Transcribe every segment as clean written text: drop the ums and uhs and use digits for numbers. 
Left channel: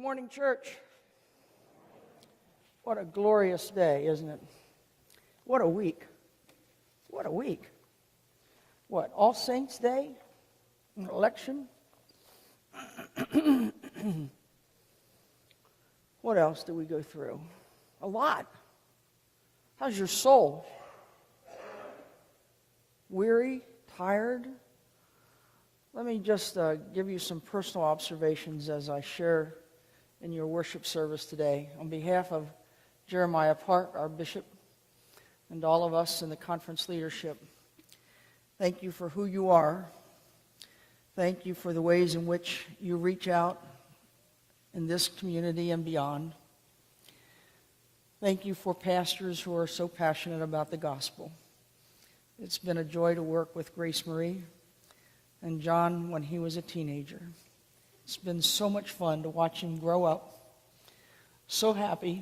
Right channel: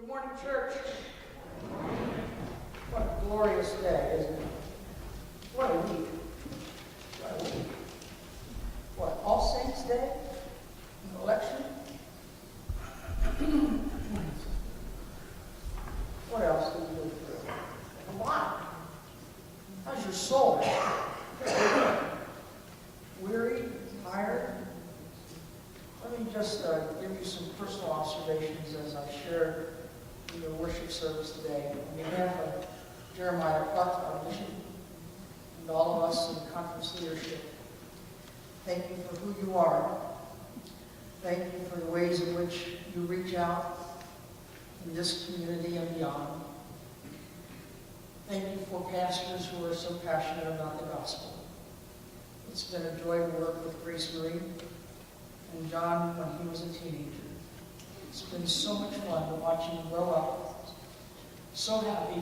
Good morning, church. What a glorious day, isn't it? What a week. What a week. What, All Saints Day? An election? What else did we go through? A lot. How's your soul? Weary? Tired? Let me just give you some personal observations as I share in your worship service today. On behalf of Jeremiah Clark, our bishop, and all of us in the conference leadership, thank you for who you are. Thank you for the ways in which you reach out in this community and beyond. Thank you for pastors who are so passionate about the gospel. It's been a joy to work with Grace Marie and John when he was a teenager. It's been so much fun to watch him grow up, so happy,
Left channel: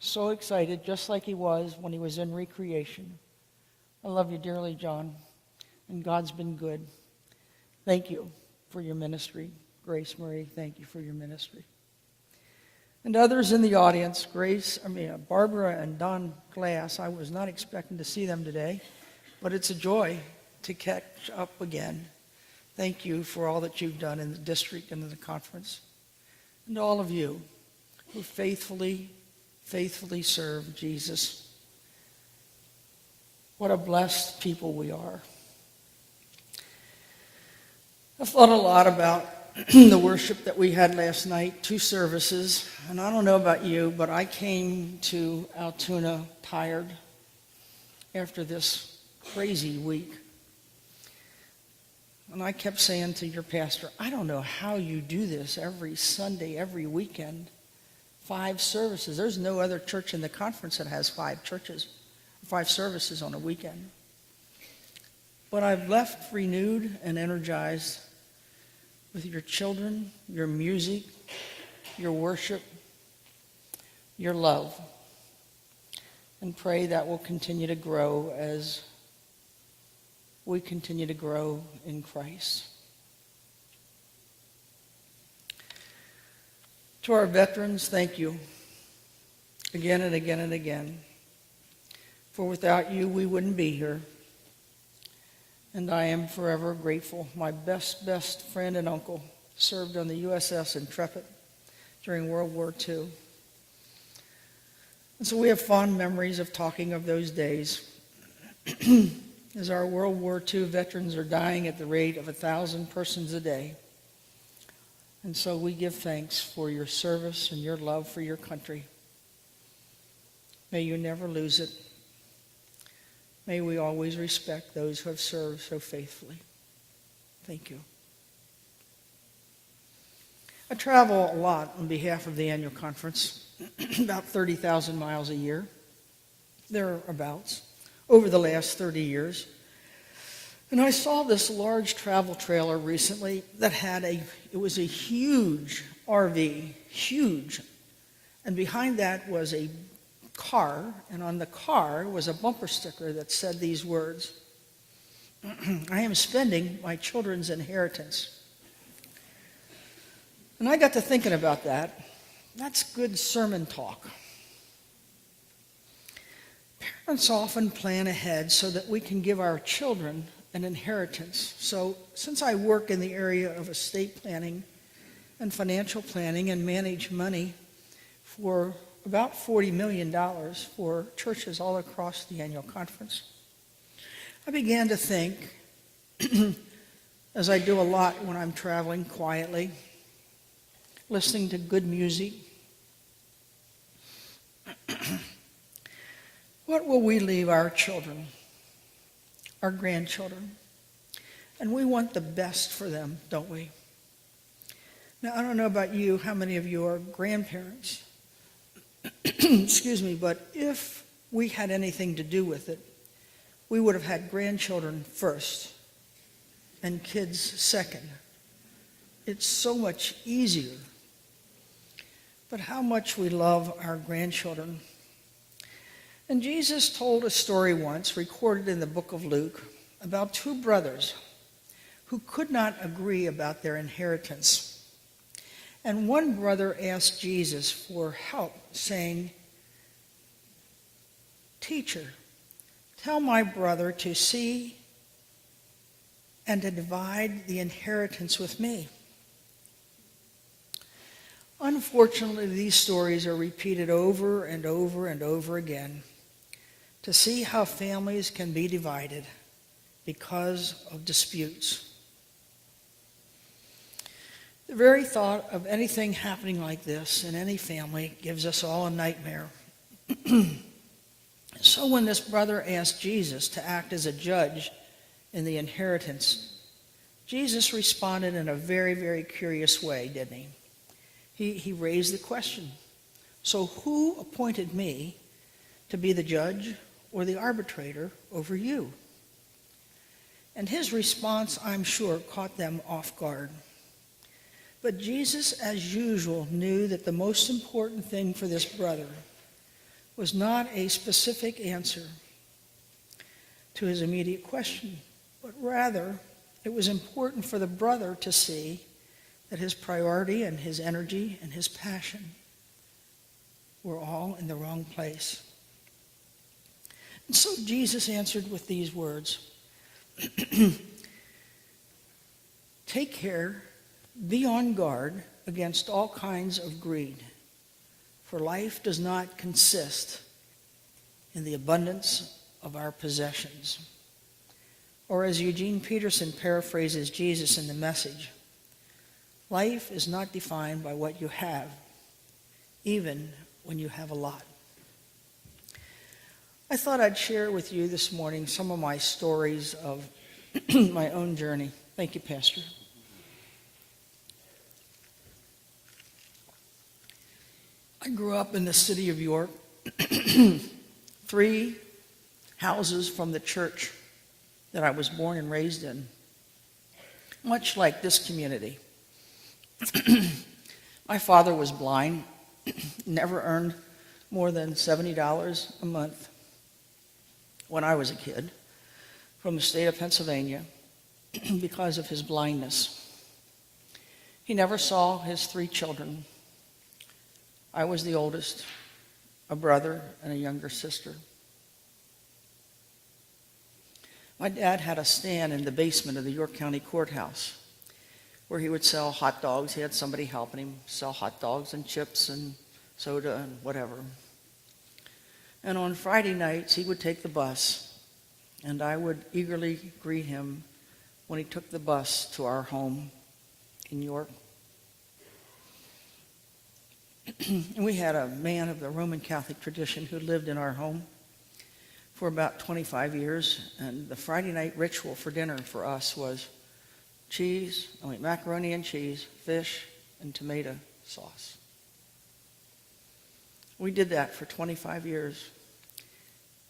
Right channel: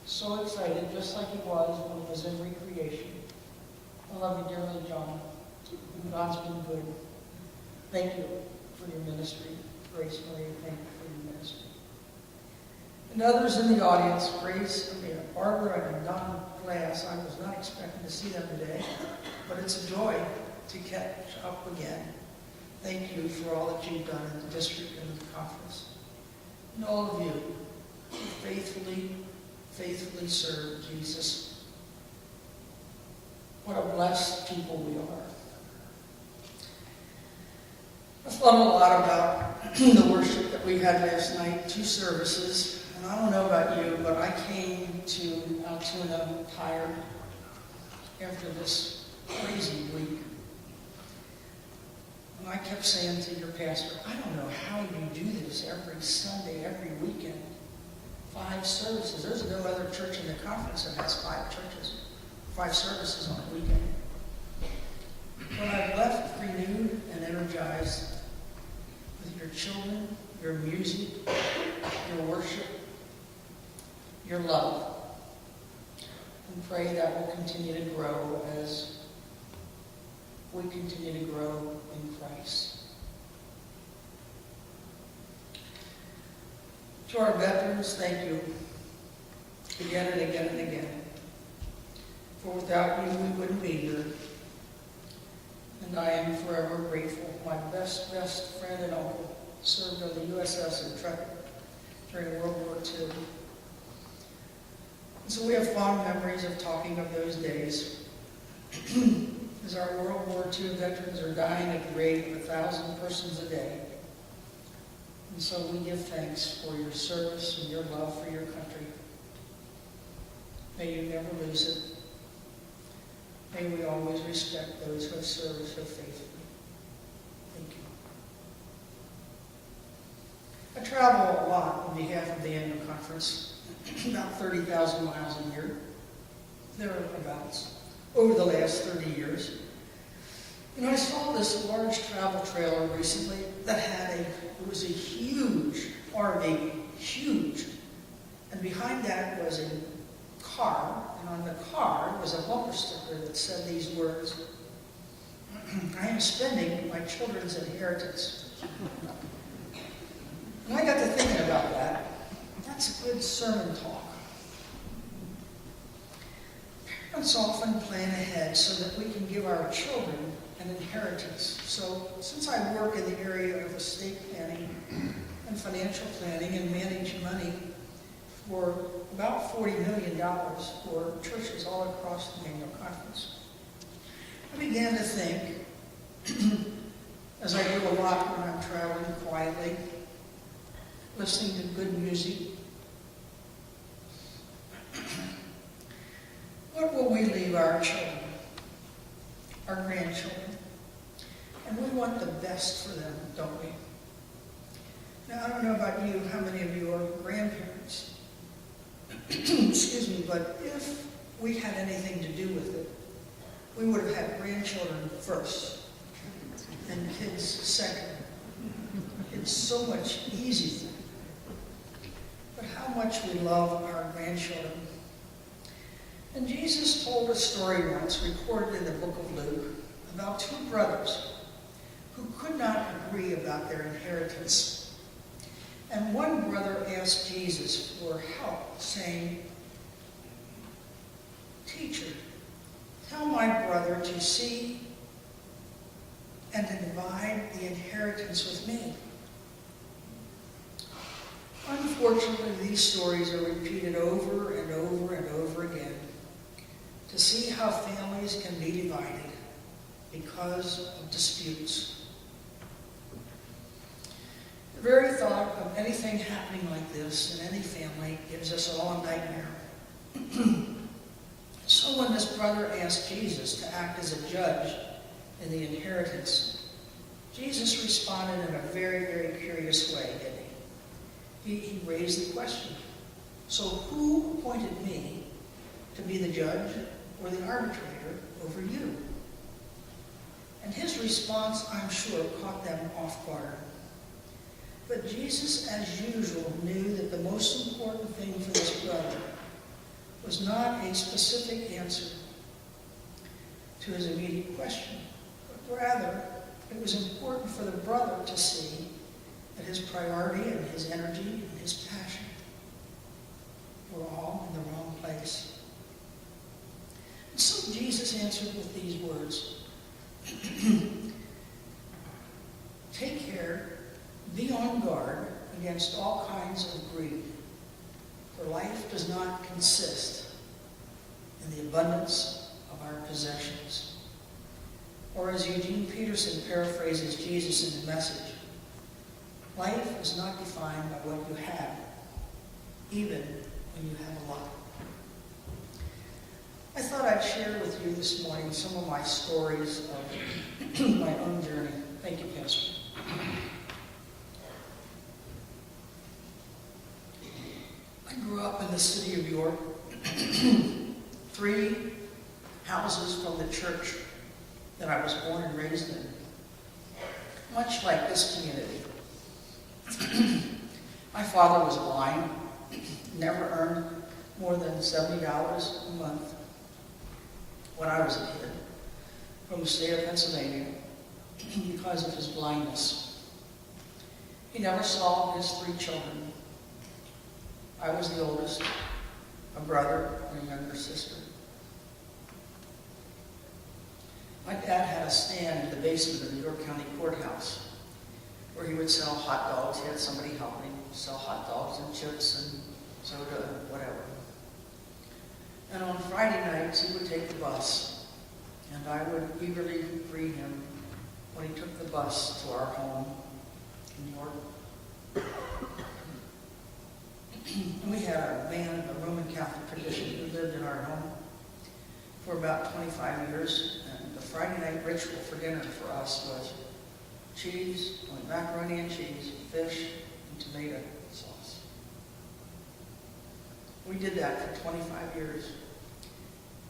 so excited, just like he was when he was in recreation. I love you dearly, John, and God's been good. Thank you for your ministry. Grace Marie, thank you for your ministry. And others in the audience, Barbara and Don Glass, I was not expecting to see them today, but it's a joy to catch up again. Thank you for all that you've done in the district and in the conference. And all of you who faithfully serve Jesus. What a blessed people we are. I've thought a lot about the worship that we had last night, 2 services. And I don't know about you, but I came to Altoona tired after this crazy week. And I kept saying to your pastor, I don't know how you do this every Sunday, every weekend. 5 services. There's no other church in the conference that has 5 services on a weekend. But I've left renewed and energized with your children, your music, your worship, your love. And pray that will continue to grow as we continue to grow in Christ. To our veterans, thank you again and again and again. For without you, we wouldn't be here. And I am forever grateful. My best friend and uncle served on the USS Intrepid during World War II. And so we have fond memories of talking of those days. As our World War II veterans are dying at the rate of 1,000 persons a day. And so we give thanks for your service and your love for your country. May you never lose it. May we always respect those who have served so faithfully. Thank you. I travel a lot on behalf of the annual conference, about 30,000 miles a year, thereabouts, over the last 30 years. And I saw this large travel trailer recently that it was a huge RV, huge. And behind that was a car, and on the car was a bumper sticker that said these words, I am spending my children's inheritance. And I got to thinking about that. That's good sermon talk. Parents often plan ahead so that we can give our children an inheritance. So since I work in the area of estate planning and financial planning and manage money for about $40 million for churches all across the annual conference, I began to think, as I do a lot when I'm traveling quietly, listening to good music, what will we leave our children, our grandchildren? And we want the best for them, don't we? Now, I don't know about you, how many of you are grandparents? Excuse me, but if we had anything to do with it, we would have had grandchildren first and kids second. It's so much easier. But how much we love our grandchildren. And Jesus told a story once, recorded in the book of Luke, about 2 brothers who could not agree about their inheritance. And one brother asked Jesus for help, saying, "Teacher, tell my brother to see and to divide the inheritance with me." Unfortunately, these stories are repeated over and over and over again to see how families can be divided because of disputes. The very thought of anything happening like this in any family gives us all a nightmare. So when this brother asked Jesus to act as a judge in the inheritance, Jesus responded in a very, very curious way, didn't he? He raised the question, "So who appointed me to be the judge or the arbitrator over you?" And his response, I'm sure, caught them off guard. But Jesus, as usual, knew that the most important thing for this brother was not a specific answer to his immediate question, but rather it was important for the brother to see that his priority and his energy and his passion were all in the wrong place. And so Jesus answered with these words, "Take care, be on guard against all kinds of greed, for life does not consist in the abundance of our possessions." Or as Eugene Peterson paraphrases Jesus in the Message, life is not defined by what you have, even when you have a lot. I thought I'd share with you this morning some of my stories of my own journey. Thank you, Pastor. I grew up in the city of York, 3 houses from the church that I was born and raised in, much like this community. My father was blind, never earned more than $70 a month when I was a kid from the state of Pennsylvania because of his blindness. He never saw his 3 children. I was the oldest, a brother and a younger sister. My dad had a stand in the basement of the York County Courthouse where he would sell hot dogs. He had somebody helping him sell hot dogs and chips and soda and whatever. And on Friday nights, he would take the bus, and I would eagerly greet him when he took the bus to our home in York. And we had a man of the Roman Catholic tradition who lived in our home for about 25 years, and the Friday night ritual for dinner for us was macaroni and cheese, fish, and tomato sauce. We did that for 25 years.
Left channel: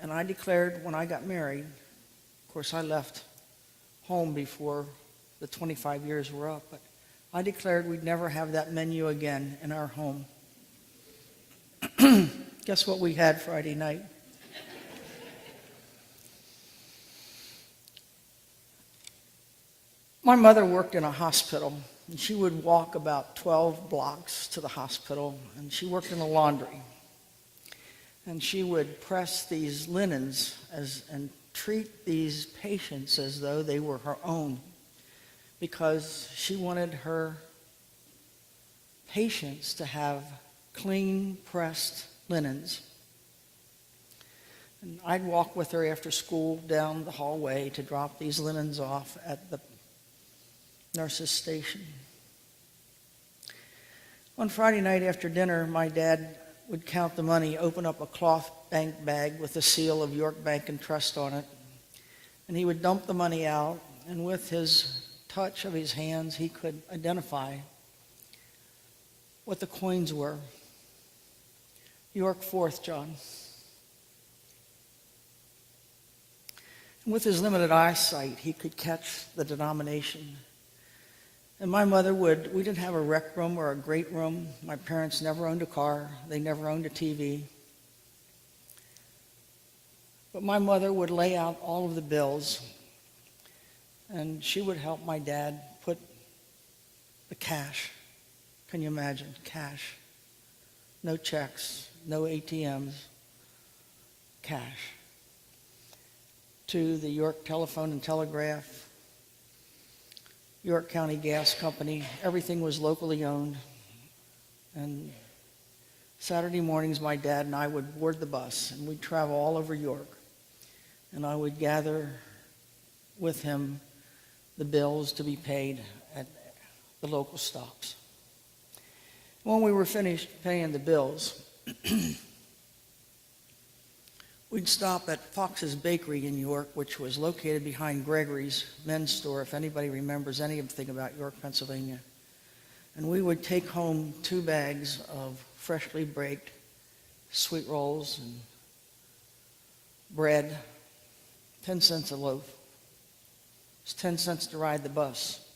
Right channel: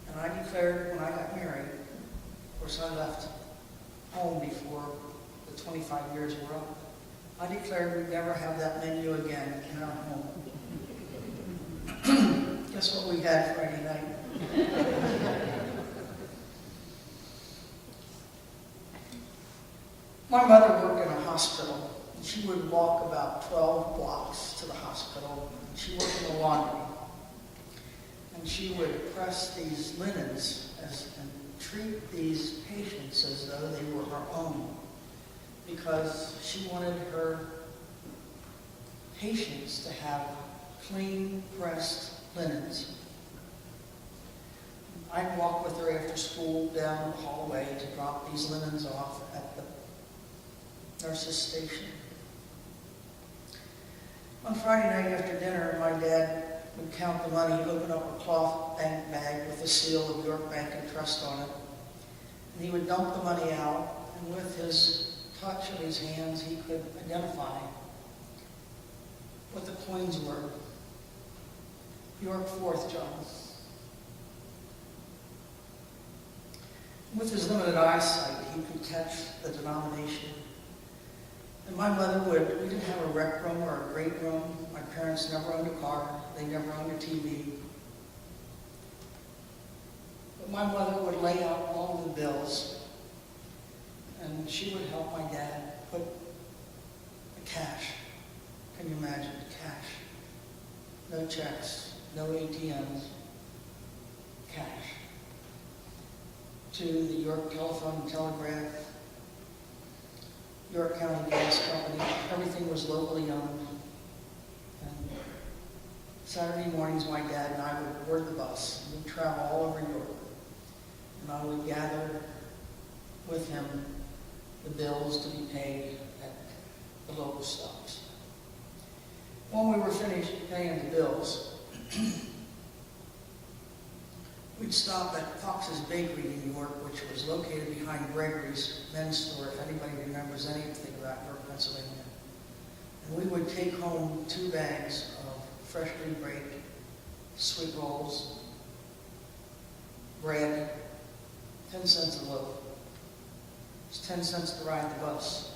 And I declared when I got married, of course I left home before the 25 years were up, I declared we'd never have that menu again in our home. Guess what we had Friday night? My mother worked in a hospital, and she would walk about 12 blocks to the hospital, and she worked in the laundry. And she would press these linens and treat these patients as though they were her own, because she wanted her patients to have clean, pressed linens. I'd walk with her after school down the hallway to drop these linens off at the nurse's station. On Friday night after dinner, my dad would count the money, open up a cloth bank bag with the seal of York Bank and Trust on it, and he would dump the money out, and with his touch of his hands, he could identify what the coins were. York 4th, John. With his limited eyesight, he could catch the denomination. And my mother we didn't have a rec room or a great room. My parents never owned a car. They never owned a TV. But my mother would lay out all of the bills, and she would help my dad put the cash Can you imagine? Cash. No checks, no ATMs, cash. To the York Telephone and Telegraph, York County Gas Company, everything was locally owned. And Saturday mornings, my dad and I would board the bus, and we'd travel all over York. And I would gather with him the bills to be paid at the local stops. When we were finished paying the bills, we'd stop at Fox's Bakery in York, which was located behind Gregory's men's store, if anybody remembers anything about York, Pennsylvania. And we would take home 2 bags of freshly baked sweet rolls and bread, 10 cents a loaf. It's 10 cents to ride the bus.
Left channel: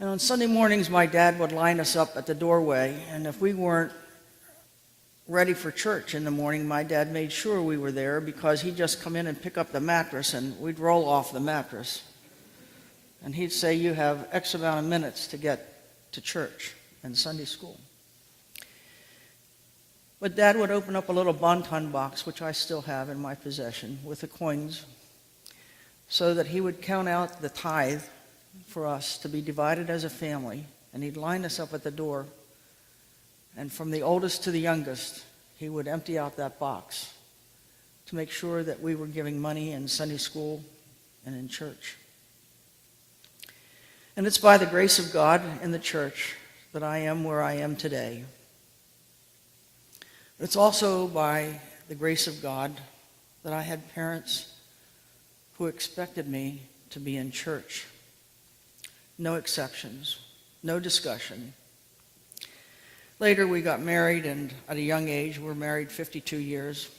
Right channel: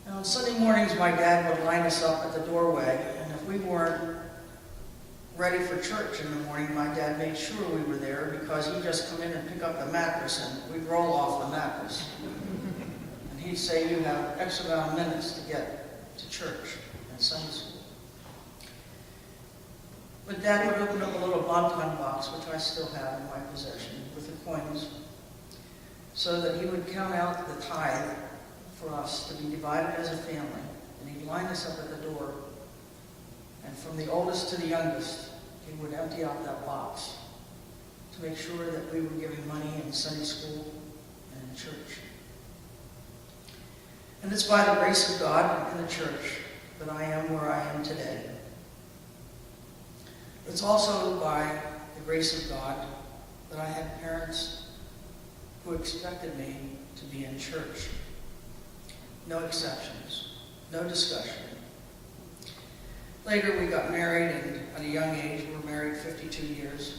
And on Sunday mornings, my dad would line us up at the doorway, and if we weren't ready for church in the morning, my dad made sure we were there because he'd just come in and pick up the mattress, and we'd roll off the mattress. And he'd say, you have X amount of minutes to get to church and Sunday school. But Dad would open up a little bonton box, which I still have in my possession, with the coins, so that he would count out the tithe for us to be divided as a family, and he'd line us up at the door, and from the oldest to the youngest, he would empty out that box to make sure that we were giving money in Sunday school and in church. And it's by the grace of God and the church that I am where I am today. It's also by the grace of God that I had parents who expected me to be in church. No exceptions, no discussion. Later we got married, and at a young age, we were married 52 years.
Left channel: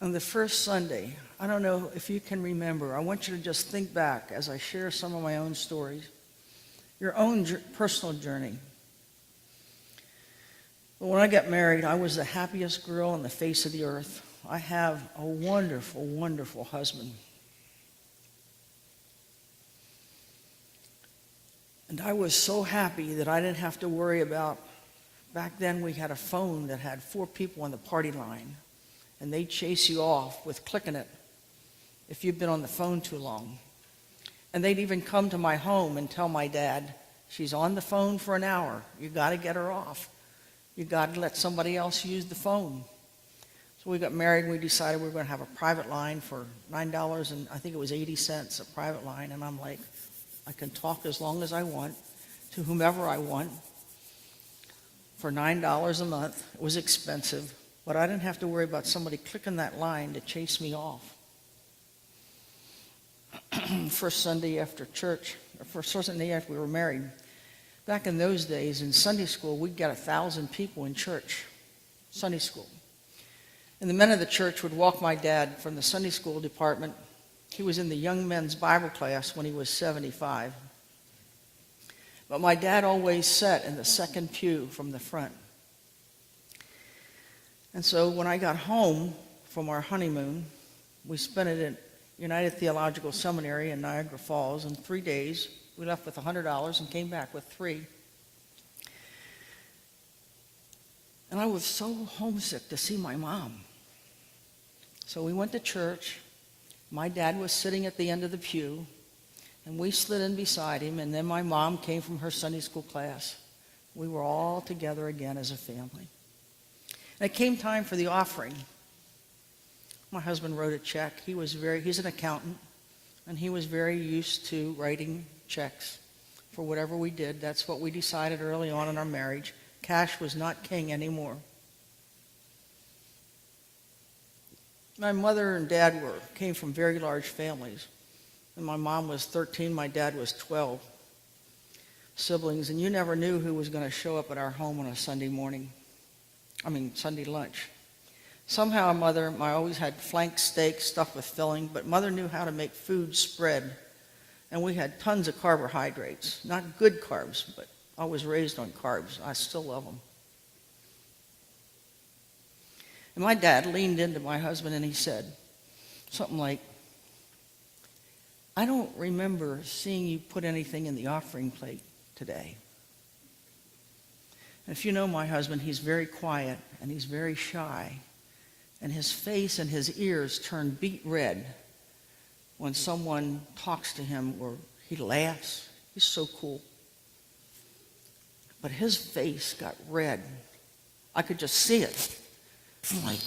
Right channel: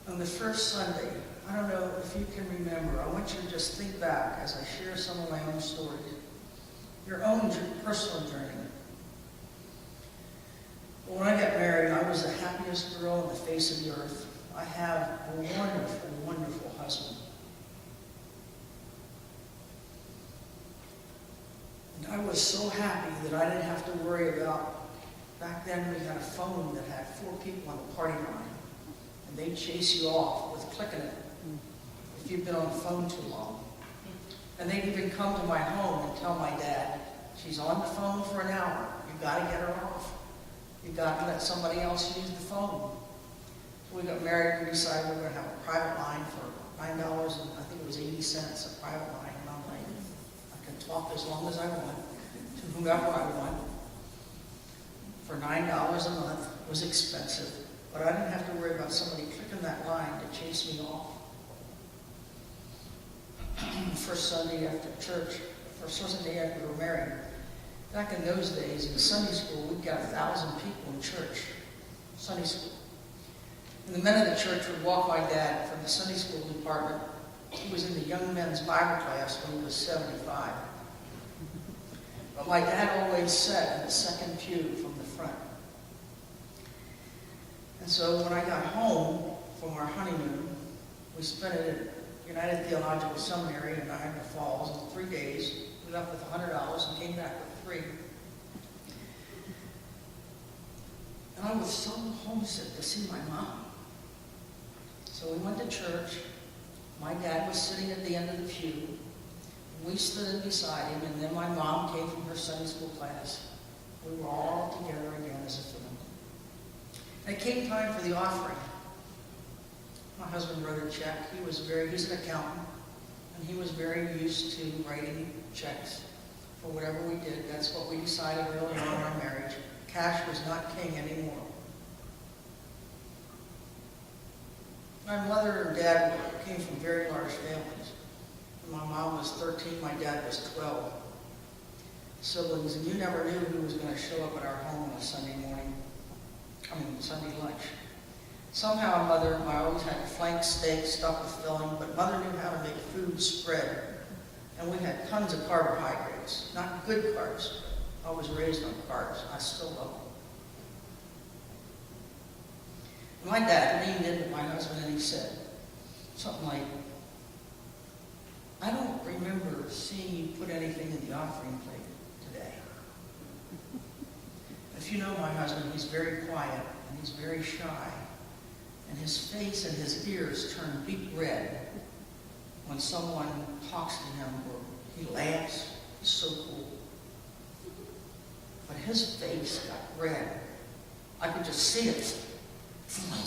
On the first Sunday, I don't know if you can remember, I want you to just think back as I share some of my own stories, your own personal journey. But when I got married, I was the happiest girl on the face of the earth. I have a wonderful, wonderful husband. And I was so happy that I didn't have to worry about, back then we had a phone that had 4 people on the party line, and they'd chase you off with clicking it if you'd been on the phone too long. And they'd even come to my home and tell my dad, she's on the phone for an hour. You've got to get her off. You've got to let somebody else use the phone. So we got married, we decided we were going to have a private line for $9, and I think it was 80 cents a private line, and I'm like, I can talk as long as I want, to whomever I want, for $9 a month. It was expensive, but I didn't have to worry about somebody clicking that line to chase me off. First Sunday after church, first Sunday after we were married, back in those days in Sunday school, we'd get 1,000 people in church, Sunday school. And the men of the church would walk my dad from the Sunday school department. He was in the young men's Bible class when he was 75. But my dad always sat in the second pew from the front. And so when I got home from our honeymoon, we spent it at United Theological Seminary in Niagara Falls in 3 days. We left with $100 and came back with 3. And I was so homesick to see my mom. So we went to church. My dad was sitting at the end of the pew, and we slid in beside him, and then my mom came from her Sunday school class. We were all together again as a family. And it came time for the offering. My husband wrote a check. He's an accountant, and he was very used to writing checks for whatever we did. That's what we decided early on in our marriage. Cash was not king anymore. My mother and dad came from very large families. And my mom was 13, my dad was 12 siblings, and you never knew who was going to show up at our home on a Sunday lunch. Somehow I always had flank steak stuffed with filling, but Mother knew how to make food spread. And we had tons of carbohydrates, not good carbs, but I was raised on carbs. I still love them. And my dad leaned into my husband and he said something like, I don't remember seeing you put anything in the offering plate today. If you know my husband, he's very quiet and he's very shy. And his face and his ears turn beet red when someone talks to him or he laughs. He's so cool. But his face got red. I could just see it. I'm like,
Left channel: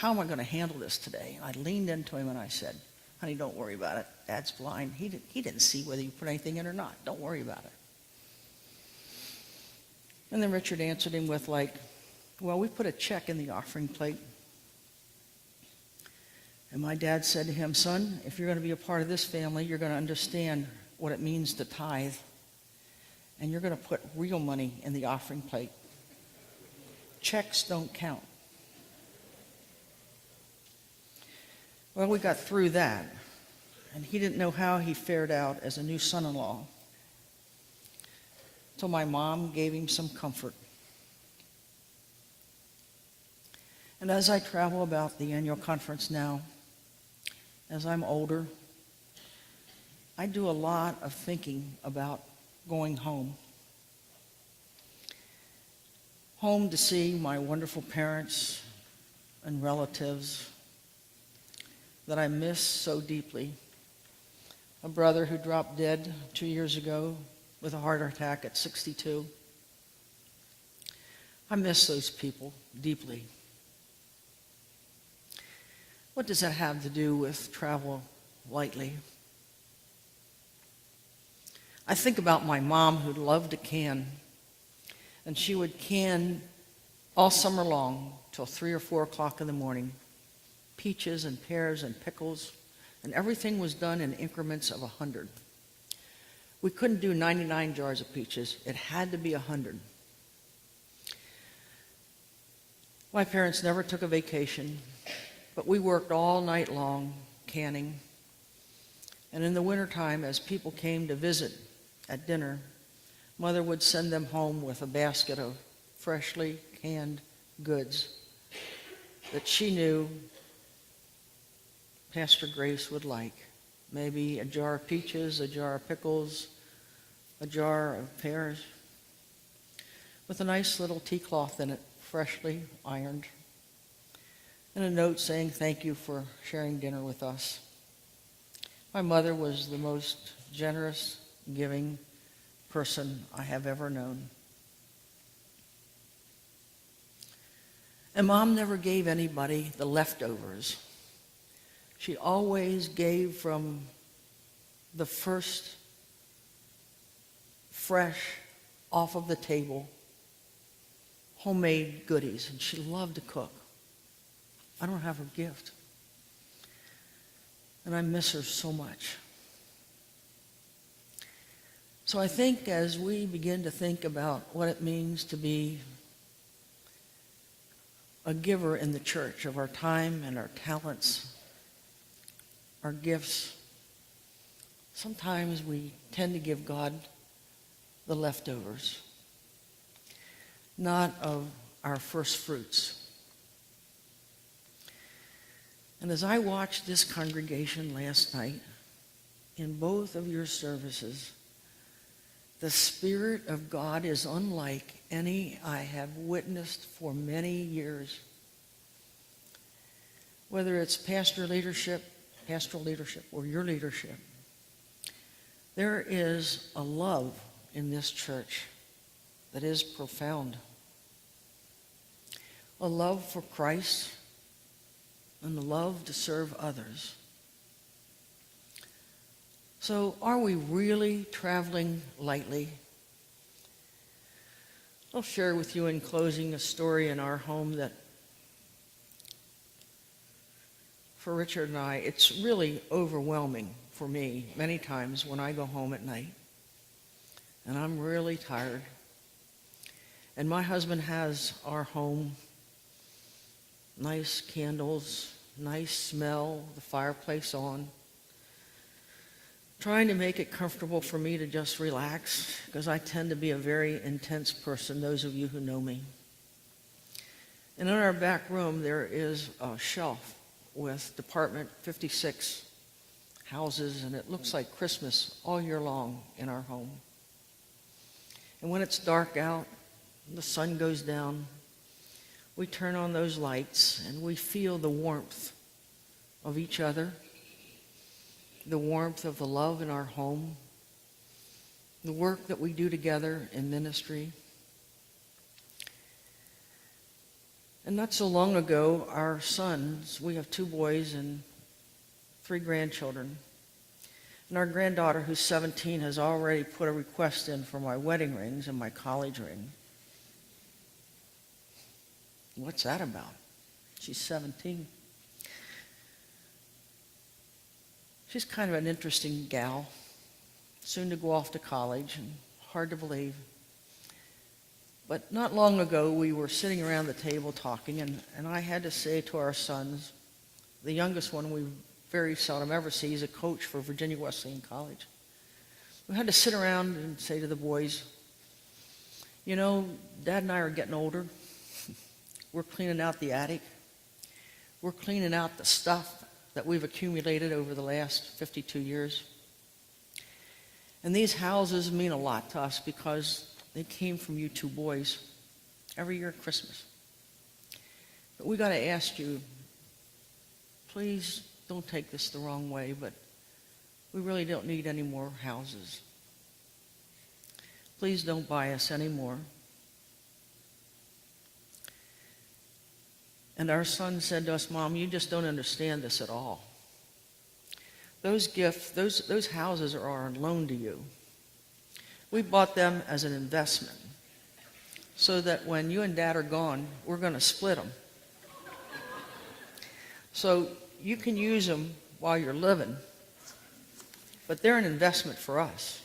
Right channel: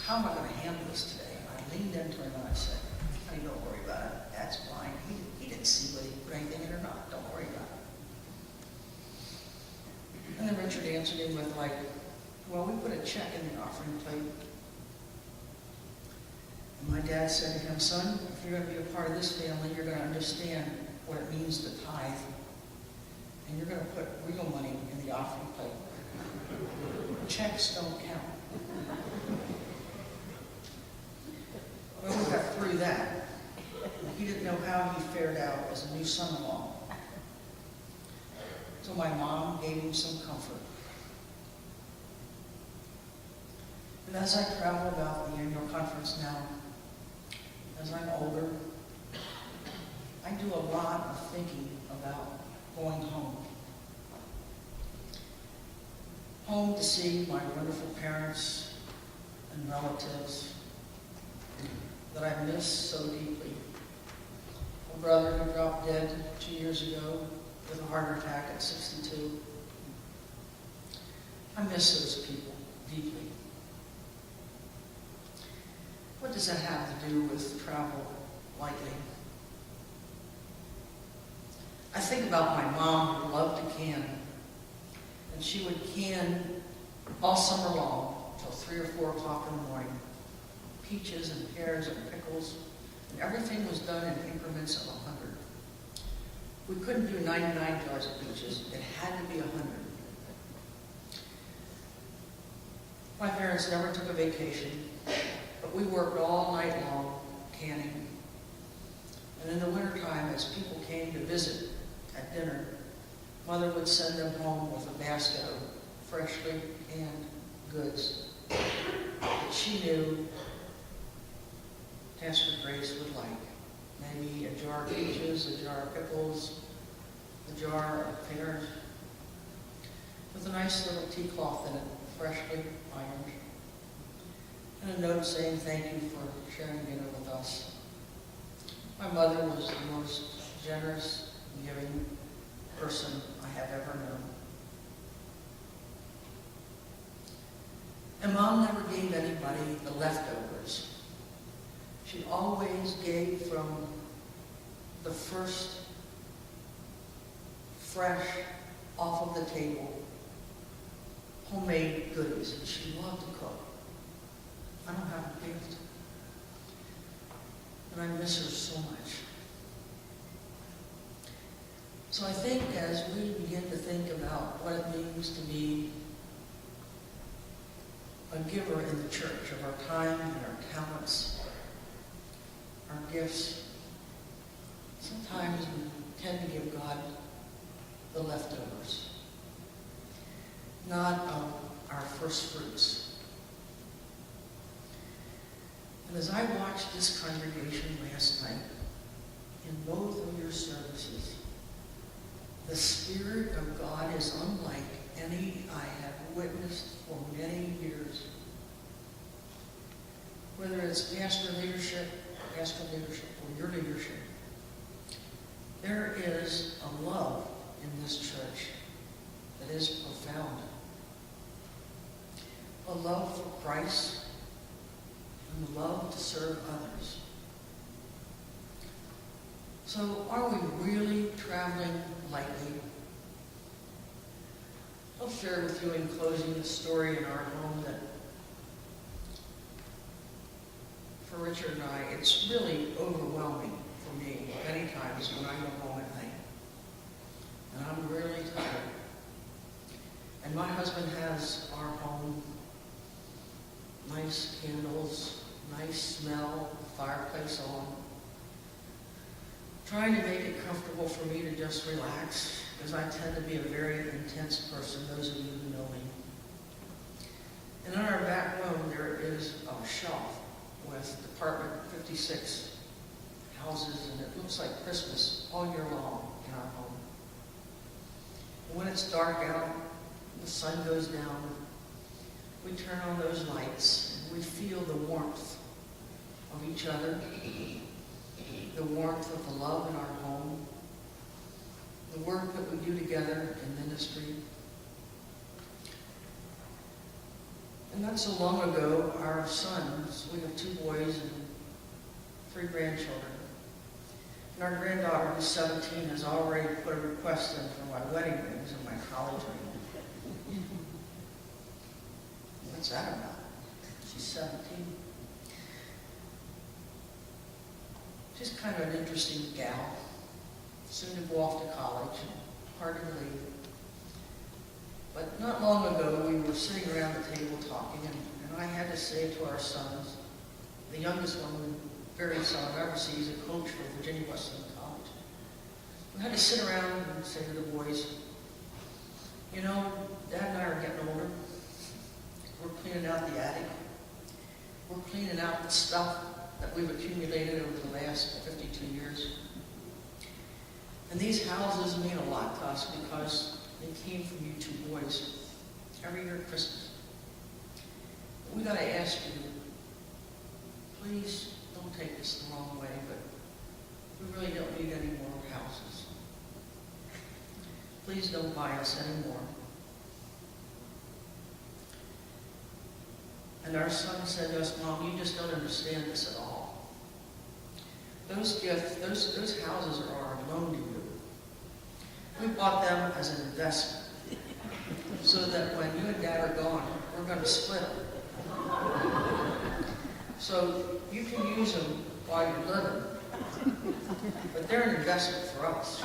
how am I going to handle this today? I leaned into him and I said, honey, don't worry about it. Dad's blind. He didn't see whether you put anything in or not. Don't worry about it. And then Richard answered him with like, well, we put a check in the offering plate. And my dad said to him, son, if you're going to be a part of this family, you're going to understand what it means to tithe. And you're going to put real money in the offering plate. Checks don't count. Well, we got through that. And he didn't know how he fared out as a new son-in-law. So my mom gave him some comfort. And as I travel about the annual conference now, as I'm older, I do a lot of thinking about going home. Home to see my wonderful parents and relatives that I miss so deeply. A brother who dropped dead 2 years ago with a heart attack at 62. I miss those people deeply. What does that have to do with travel lightly? I think about my mom who loved to can, and she would can all summer long till 3 or 4 o'clock in the morning. Peaches and pears and pickles, and everything was done in increments of 100. We couldn't do 99 jars of peaches. It had to be 100. My parents never took a vacation, but we worked all night long canning. And in the wintertime, as people came to visit at dinner, Mother would send them home with a basket of freshly canned goods that she knew Pastor Grace would like. Maybe a jar of peaches, a jar of pickles, a jar of pears, with a nice little tea cloth in it, freshly ironed, and a note saying thank you for sharing dinner with us. My mother was the most generous, giving person I have ever known. And Mom never gave anybody the leftovers. She always gave from the first fresh, off of the table, homemade goodies. And she loved to cook. I don't have her gift. And I miss her so much. So I think as we begin to think about what it means to be a giver in the church of our time and our talents, our gifts, sometimes we tend to give God the leftovers, not of our first fruits. And as I watched this congregation last night, in both of your services, the Spirit of God is unlike any I have witnessed for many years. Whether it's pastoral leadership, or your leadership, there is a love in this church that is profound. A love for Christ and a love to serve others. So are we really traveling lightly? I'll share with you in closing a story in our home that for Richard and I, it's really overwhelming for me many times when I go home at night. And I'm really tired. And my husband has our home, nice candles, nice smell, fireplace on, trying to make it comfortable for me to just relax, because I tend to be a very intense person, those of you who know me. And in our back room, there is a shelf with Department 56 houses, and it looks like Christmas all year long in our home. And when it's dark out, the sun goes down, we turn on those lights and we feel the warmth of each other, the warmth of the love in our home, the work that we do together in ministry. And not so long ago, our sons, we have 2 boys and 3 grandchildren. And our granddaughter, who's 17, has already put a request in for my wedding rings and my college ring. What's that about? She's 17. She's kind of an interesting gal, soon to go off to college, and hard to believe. But not long ago, we were sitting around the table talking, and I had to say to our sons, the youngest one we very seldom ever see, he's a coach for Virginia Wesleyan College. We had to sit around and say to the boys, you know, Dad and I are getting older. We're cleaning out the attic. We're cleaning out the stuff that we've accumulated over the last 52 years. And these houses mean a lot to us because they came from you 2 boys every year at Christmas. But we got to ask you, please don't take this the wrong way, but we really don't need any more houses. Please don't buy us any more. And our son said to us, Mom, you just don't understand this at all. Those gifts, those houses are on loan to you. We bought them as an investment so that when you and Dad are gone, we're going to split them. So you can use them while you're living, but they're an investment for us.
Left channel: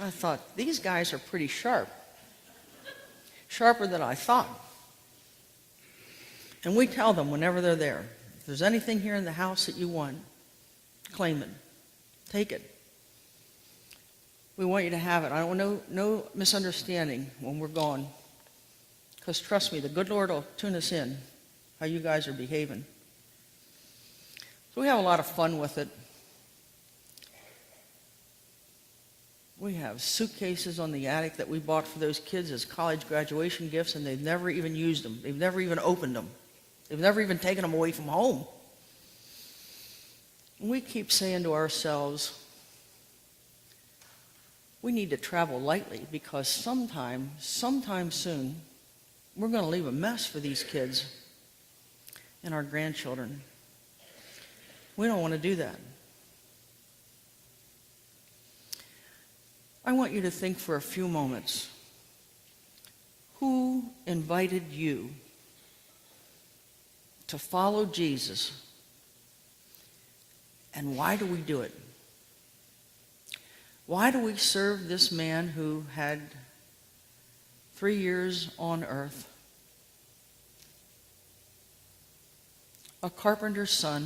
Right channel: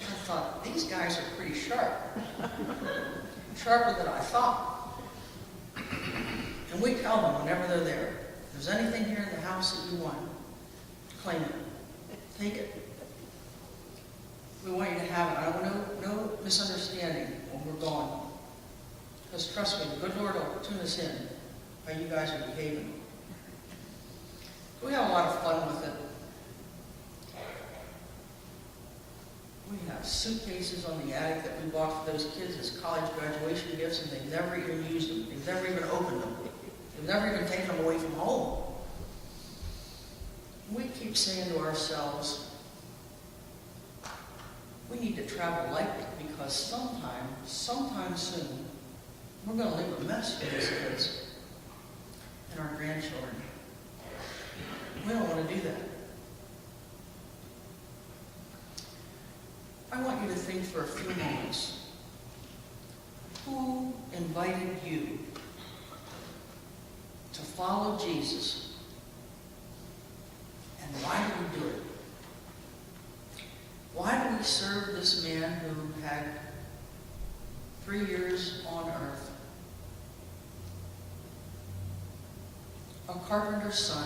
I thought, these guys are pretty sharp. Sharper than I thought. And we tell them whenever they're there, if there's anything here in the house that you want, claim it. Take it. We want you to have it. I don't want no misunderstanding when we're gone. Because trust me, the good Lord will tune us in how you guys are behaving. So we have a lot of fun with it. We have suitcases on the attic that we bought for those kids as college graduation gifts, and they've never even used them. They've never even opened them. They've never even taken them away from home. And we keep saying to ourselves, we need to travel lightly because sometime soon, we're going to leave a mess for these kids and our grandchildren. We don't want to do that. I want you to think for a few moments. Who invited you to follow Jesus? And why do we do it? Why do we serve this man who had 3 years on earth, a carpenter's son,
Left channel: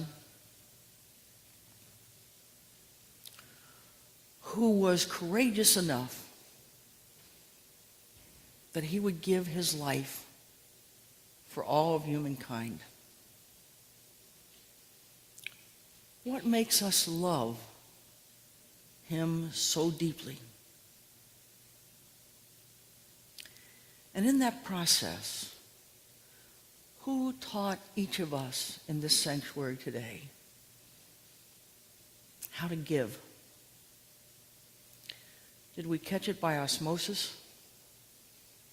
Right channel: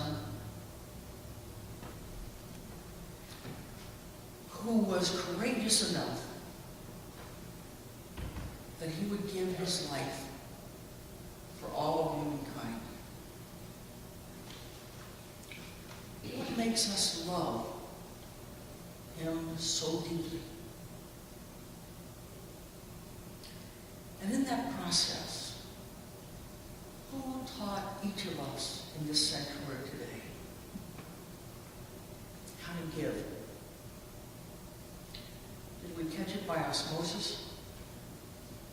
who was courageous enough that he would give his life for all of humankind? What makes us love him so deeply? And in that process, who taught each of us in this sanctuary today how to give? Did we catch it by osmosis?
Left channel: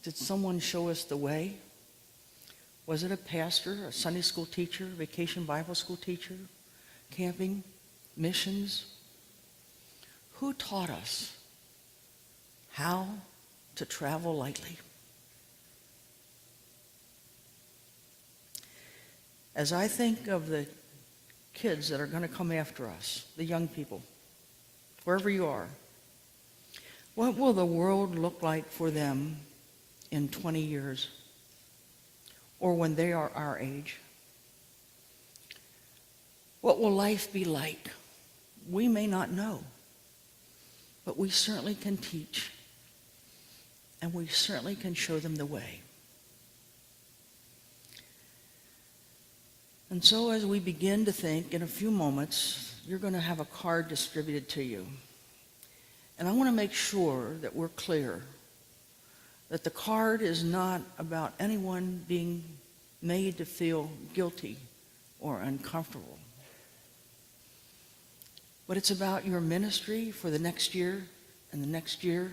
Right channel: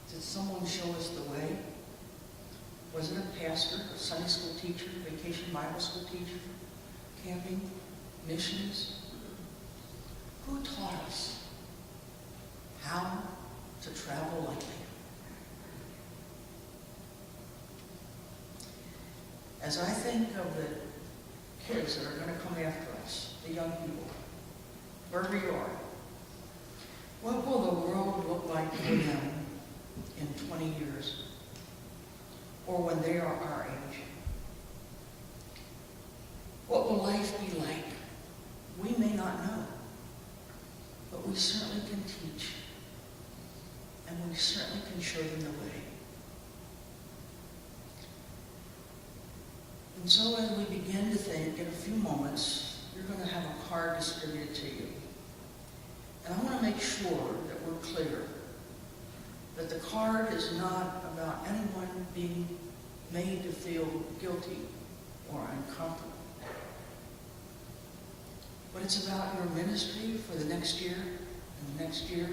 Did someone show us the way? Was it a pastor, a Sunday school teacher, vacation Bible school teacher, camping, missions? Who taught us how to travel lightly? As I think of the kids that are going to come after us, the young people, wherever you are, what will the world look like for them in 20 years or when they are our age? What will life be like? We may not know, but we certainly can teach, and we certainly can show them the way. And so as we begin to think, in a few moments, you're going to have a card distributed to you. And I want to make sure that we're clear that the card is not about anyone being made to feel guilty or uncomfortable. But it's about your ministry for the next year, and the next year,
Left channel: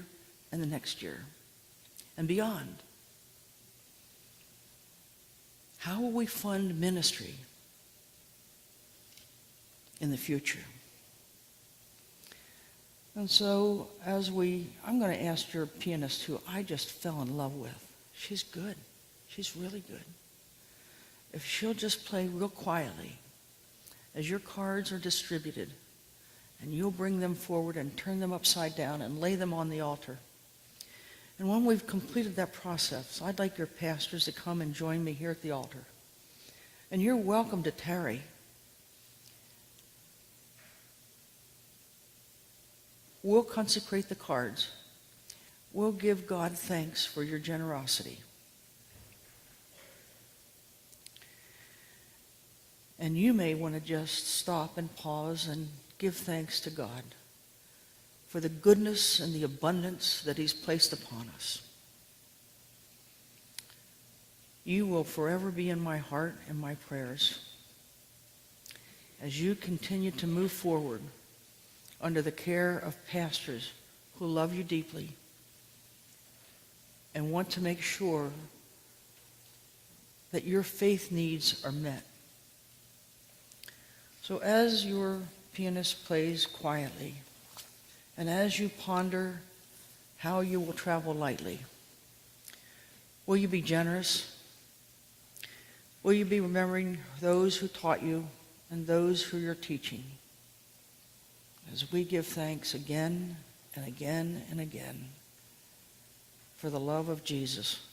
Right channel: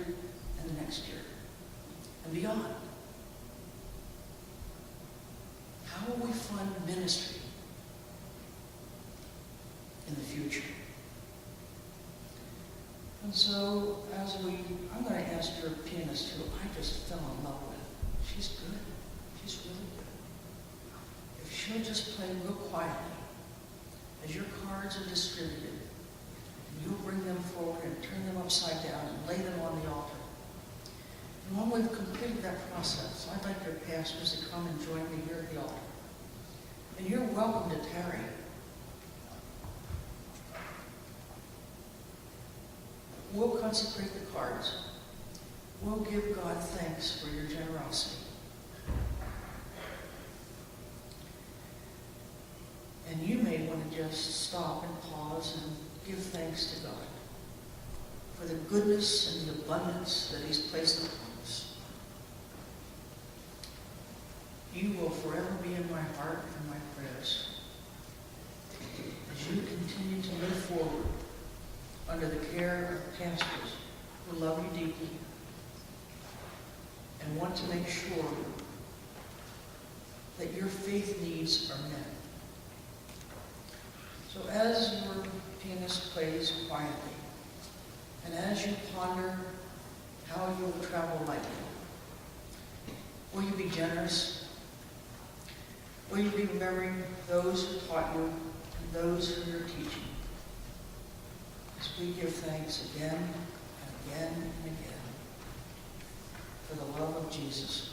and the next year, and beyond. How will we fund ministry in the future? And so, I'm going to ask your pianist who I just fell in love with. She's good. She's really good. If she'll just play real quietly as your cards are distributed, and you'll bring them forward and turn them upside down and lay them on the altar. And when we've completed that process, I'd like your pastors to come and join me here at the altar. And you're welcome to tarry. We'll consecrate the cards. We'll give God thanks for your generosity. And you may want to just stop and pause and give thanks to God for the goodness and the abundance that he's placed upon us. You will forever be in my heart and my prayers as you continue to move forward under the care of pastors who love you deeply and want to make sure that your faith needs are met. So as your pianist plays quietly, and as you ponder how you will travel lightly, will you be generous? Will you be remembering those who taught you and those who you're teaching? As we give thanks again and again and again for the love of Jesus.